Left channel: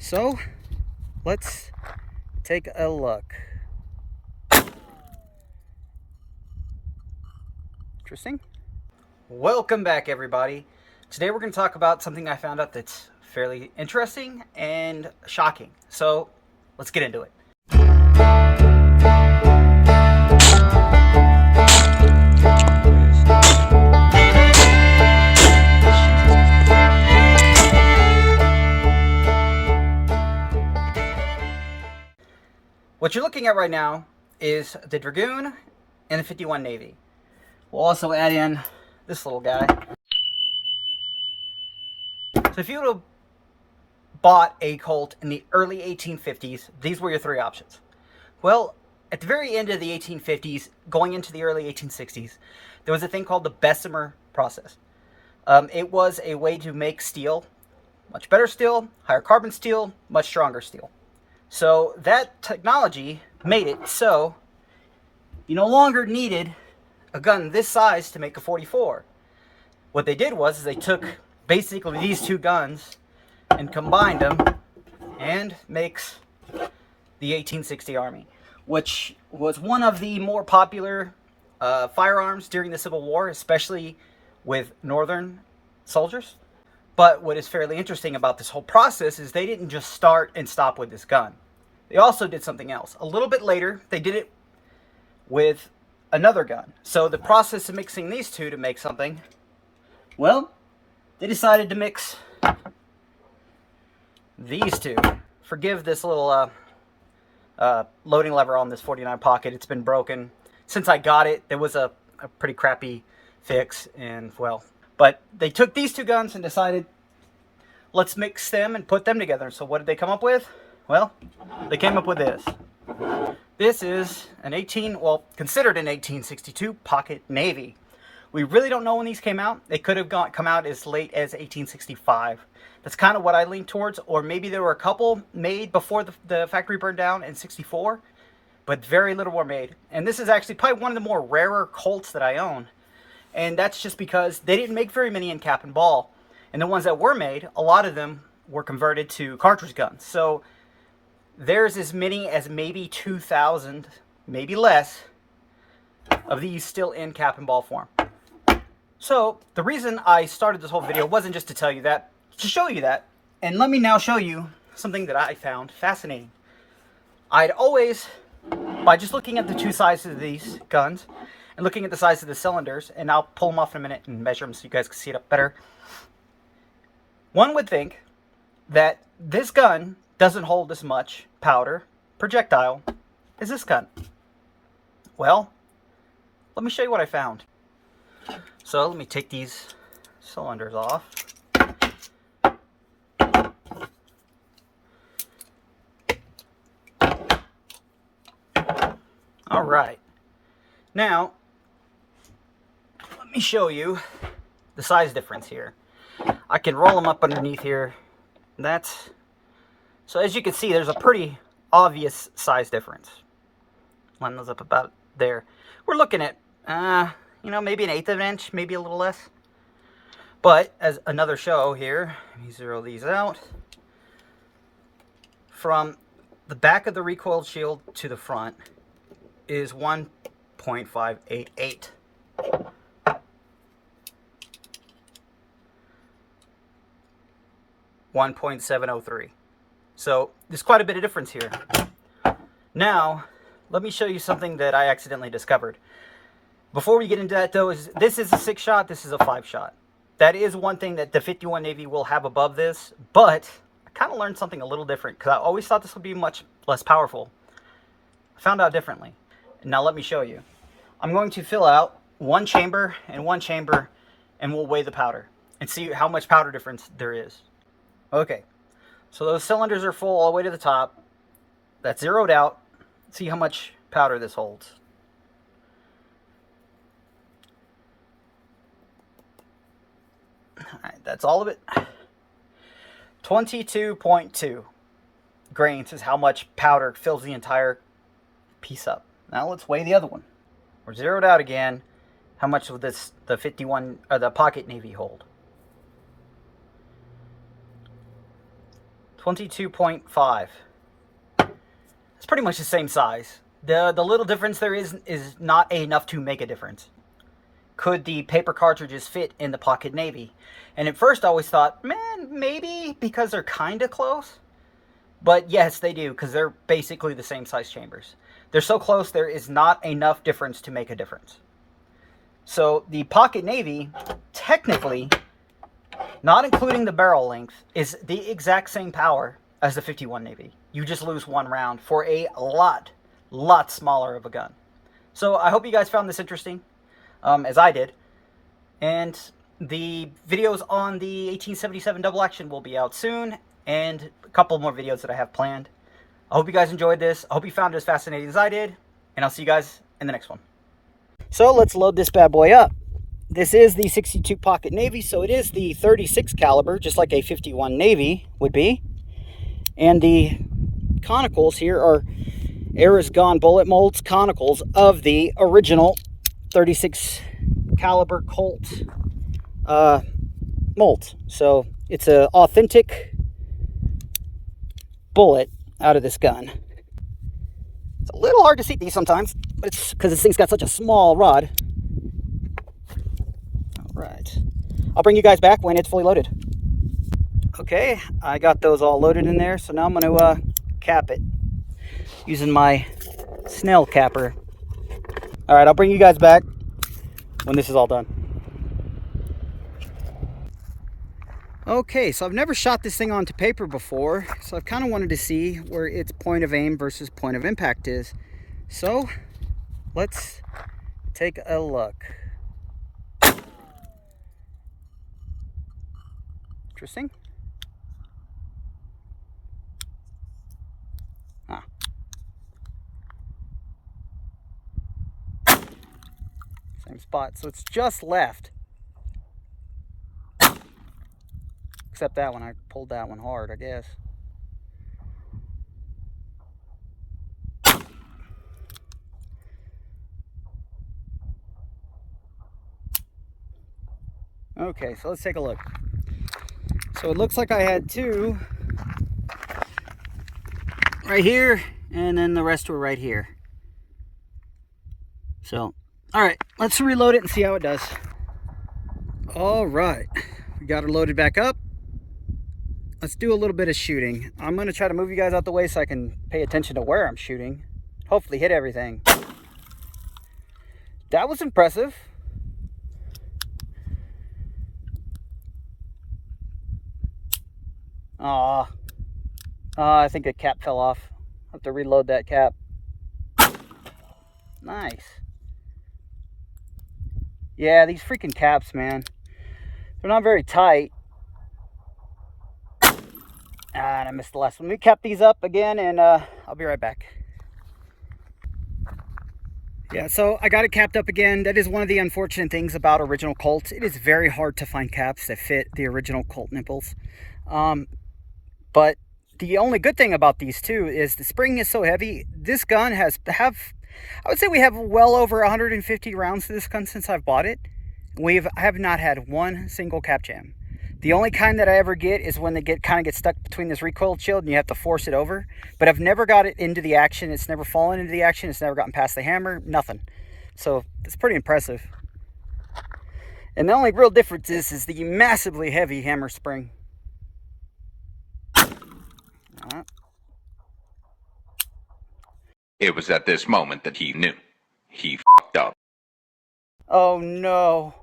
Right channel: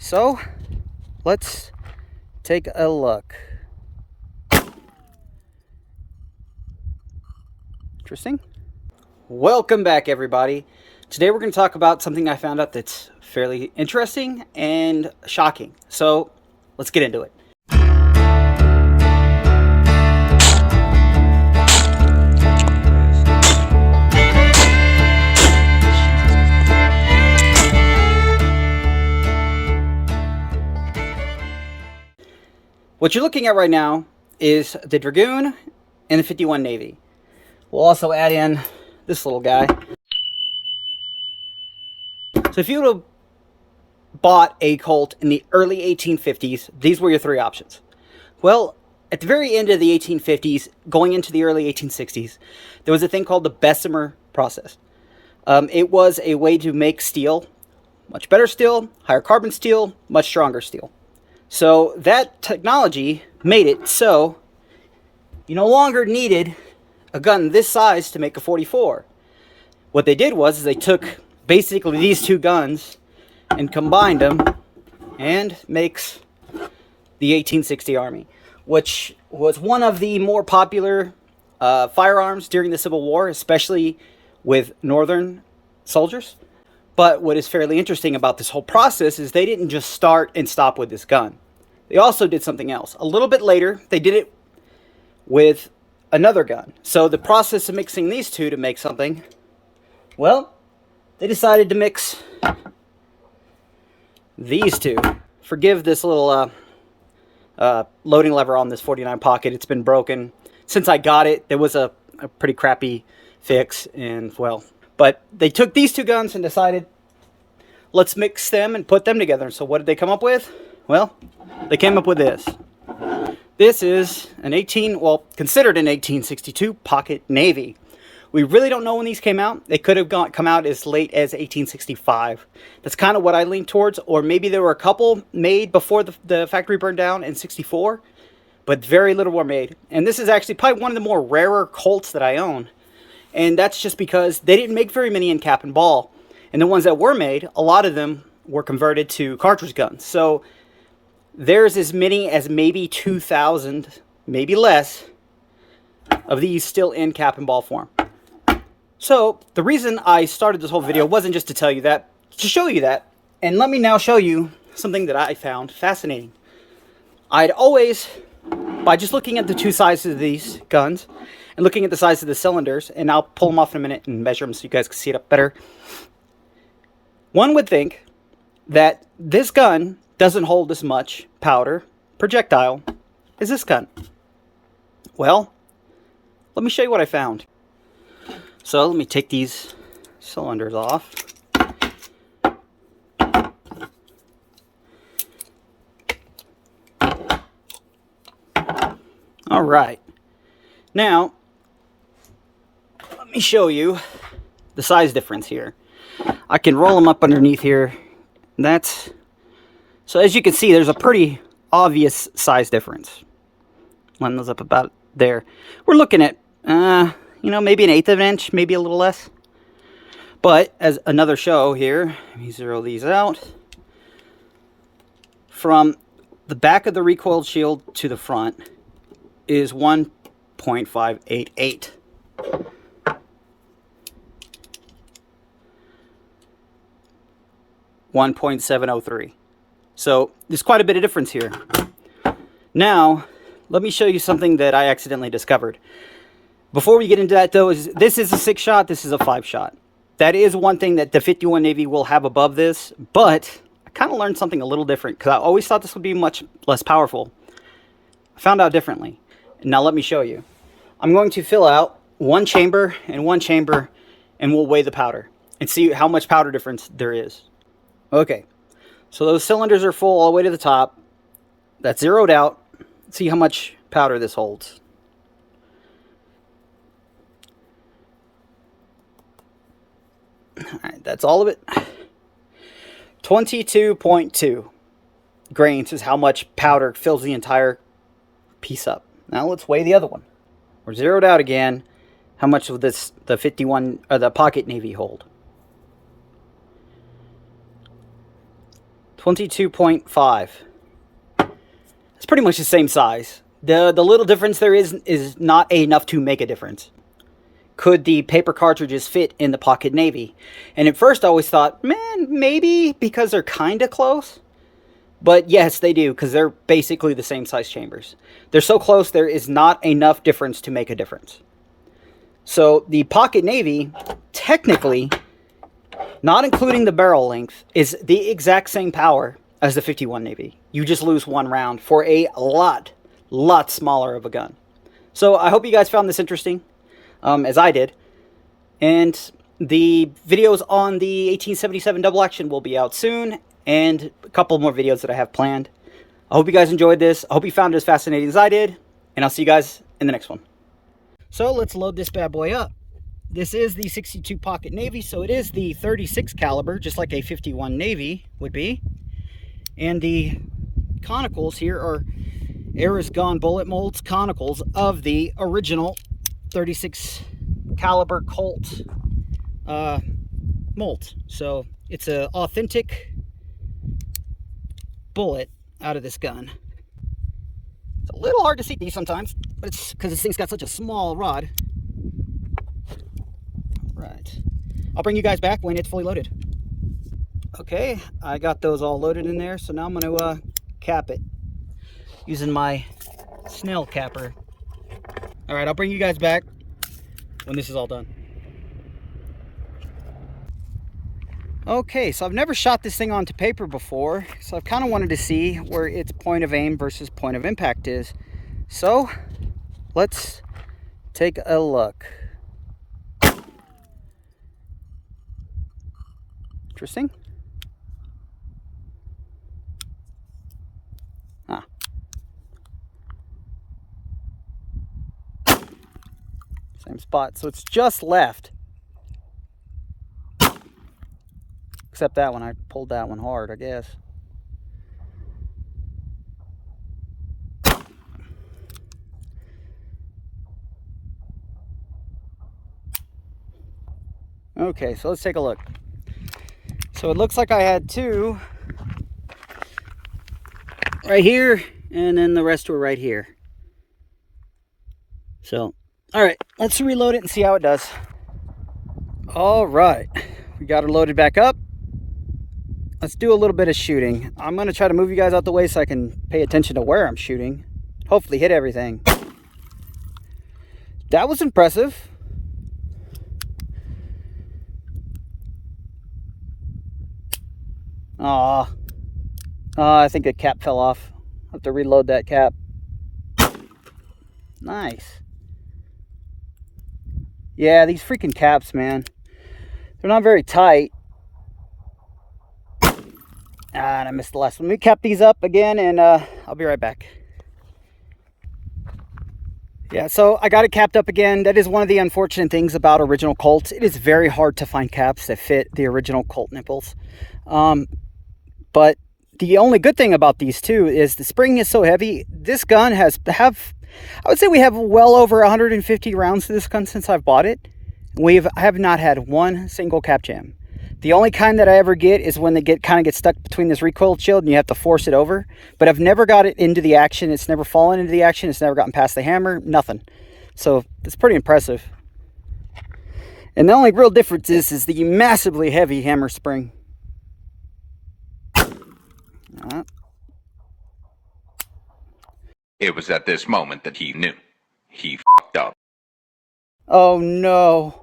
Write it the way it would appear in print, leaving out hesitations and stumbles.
So let's take a look. Interesting. Welcome back, everybody. Today we're going to talk about something I found out that's fairly interesting and shocking. So let's get into it. What you're looking at right now is the Dragoon and the 51 Navy. We'll also add in this little guy. So if you would have bought a Colt in the early 1850s, these were your three options. Well, at the very end of the 1850s, going into the early 1860s, there was a thing called the Bessemer process. It was a way to make steel, much better steel, higher carbon steel, much stronger steel. So that technology made it so you no longer needed a gun this size to make a 44. What they did was they took basically these two guns and combined them and makes the 1860 Army, which was one of the more popular firearms during the Civil War, especially with Northern soldiers. But what is fairly interesting about this whole process is they didn't just start and stop with this gun. They also did something else. A little bit later, they did it with another gun. So the process of mixing these two to make something, well, they decided to mix these two. Forgive this little loading lever on this 49 pocket. It's been broken. Since I got it, there was a pretty crappy fix, and well, but they took these two guns and decided, let's mix them and put them together. So what did they come up with? Well, they came up with this. This is considered an 1862 pocket Navy. We really don't know when these came out. They could have come out as late as 1865. That's kind of what I lean towards. Or maybe there were a couple made before the factory burned down in 64, but very little were made. And this is actually probably one of the more rarer Colts that I own. And that's just because they didn't make very many in cap and ball. And the ones that were made, a lot of them were converted to cartridge guns. So there's as many as maybe 2,000, maybe less, of these still in cap and ball form. So the reason I started this whole video wasn't just to tell you that, to show you that. And let me now show you something that I found fascinating. I'd always, by just looking at the two sizes of these guns and looking at the size of the cylinders, and I'll pull them off in a minute and measure them so you guys can see it up better, one would think that this gun doesn't hold as much powder projectile as this gun. Well, let me show you what I found. So let me take these cylinders off. All right. Now, let me show you the size difference here. I can roll them up underneath here. So as you can see, there's a pretty obvious size difference. Line those up about there. We're looking at, maybe an eighth of an inch, maybe a little less. But as another show here, let me zero these out. From the back of the recoil shield to the front is 1.588. .703. So there's quite a bit of difference here. Now, let me show you something that I accidentally discovered. Before we get into that, though, this is a 6-shot, this is a 5-shot. That is one thing that the 51 Navy will have above this, but I kind of learned something a little different because I always thought this would be much less powerful. I found out differently. Now let me show you. I'm going to fill out one chamber and one chamber, and we'll weigh the powder and see how much powder difference there is. Okay, so those cylinders are full all the way to the top. That's zeroed out. Let's see how much powder this holds. All right, that's all of it. 22.2 grains is how much powder fills the entire piece up. Now let's weigh the other one. We're zeroed out again. How much will the 51 or the pocket Navy hold? 22.5. It's pretty much the same size. The little difference there is not enough to make a difference. Could the paper cartridges fit in the pocket navy? And at first I always thought, man, maybe, because they're kind of close. But yes, they do, because they're basically the same size chambers. They're so close, there is not enough difference to make a difference. So the pocket navy, technically, not including the barrel length, is the exact same power as the 51 Navy. You just lose one round for a lot smaller of a gun. So I hope you guys found this interesting, as I did. And the videos on the 1877 double action will be out soon, and a couple more videos that I have planned. I hope you guys enjoyed this. I hope you found it as fascinating as I did, and I'll see you guys in the next one. So let's load this bad boy up. This is the 62 pocket Navy, so it is the 36 caliber, just like a 51 Navy would be. And the conicals here are Era's Gone bullet molds conicals of the original 36 caliber Colt molds. So it's an authentic bullet out of this gun. It's a little hard to see these sometimes, but it's because this thing's got such a small rod. All right, I'll bring you guys back when it's fully loaded. Okay, I got those all loaded in there, so now I'm going to cap it using my Snell capper. All right, I'll bring you guys back when this is all done. Okay, so I've never shot this thing onto paper before, so I've kind of wanted to see where its point of aim versus point of impact is. So let's take a look. Interesting. Huh. Same spot, so it's just left. Except that one, I pulled that one hard, I guess. Okay, so let's take a look. So it looks like I had two right here, and then the rest were right here. So, all right, let's reload it and see how it does. All right, we got it loaded back up. Let's do a little bit of shooting. I'm going to try to move you guys out the way so I can pay attention to where I'm shooting. Hopefully hit everything. That was impressive. Aw. I think the cap fell off. I'll have to reload that cap. Nice. Yeah, these freaking caps, man. They're not very tight. And I missed the last one. Let me cap these up again, and I'll be right back. Yeah, so I got it capped up again. That is one of the unfortunate things about original Colts. It is very hard to find caps that fit the original Colt nipples. But the only good thing about these two is the spring is so heavy. This gun I would say we have well over 150 rounds to this gun since I've bought it. I have not had one single cap jam. The only kind that I ever get is when they kind of get stuck between this recoil shield and you have to force it over. But I've never got it into the action. It's never fallen into the action. It's never gotten past the hammer. Nothing. So it's pretty impressive. And the only real difference is the massively heavy hammer spring. It was at this moment that he knew. He f***ed up. Oh no.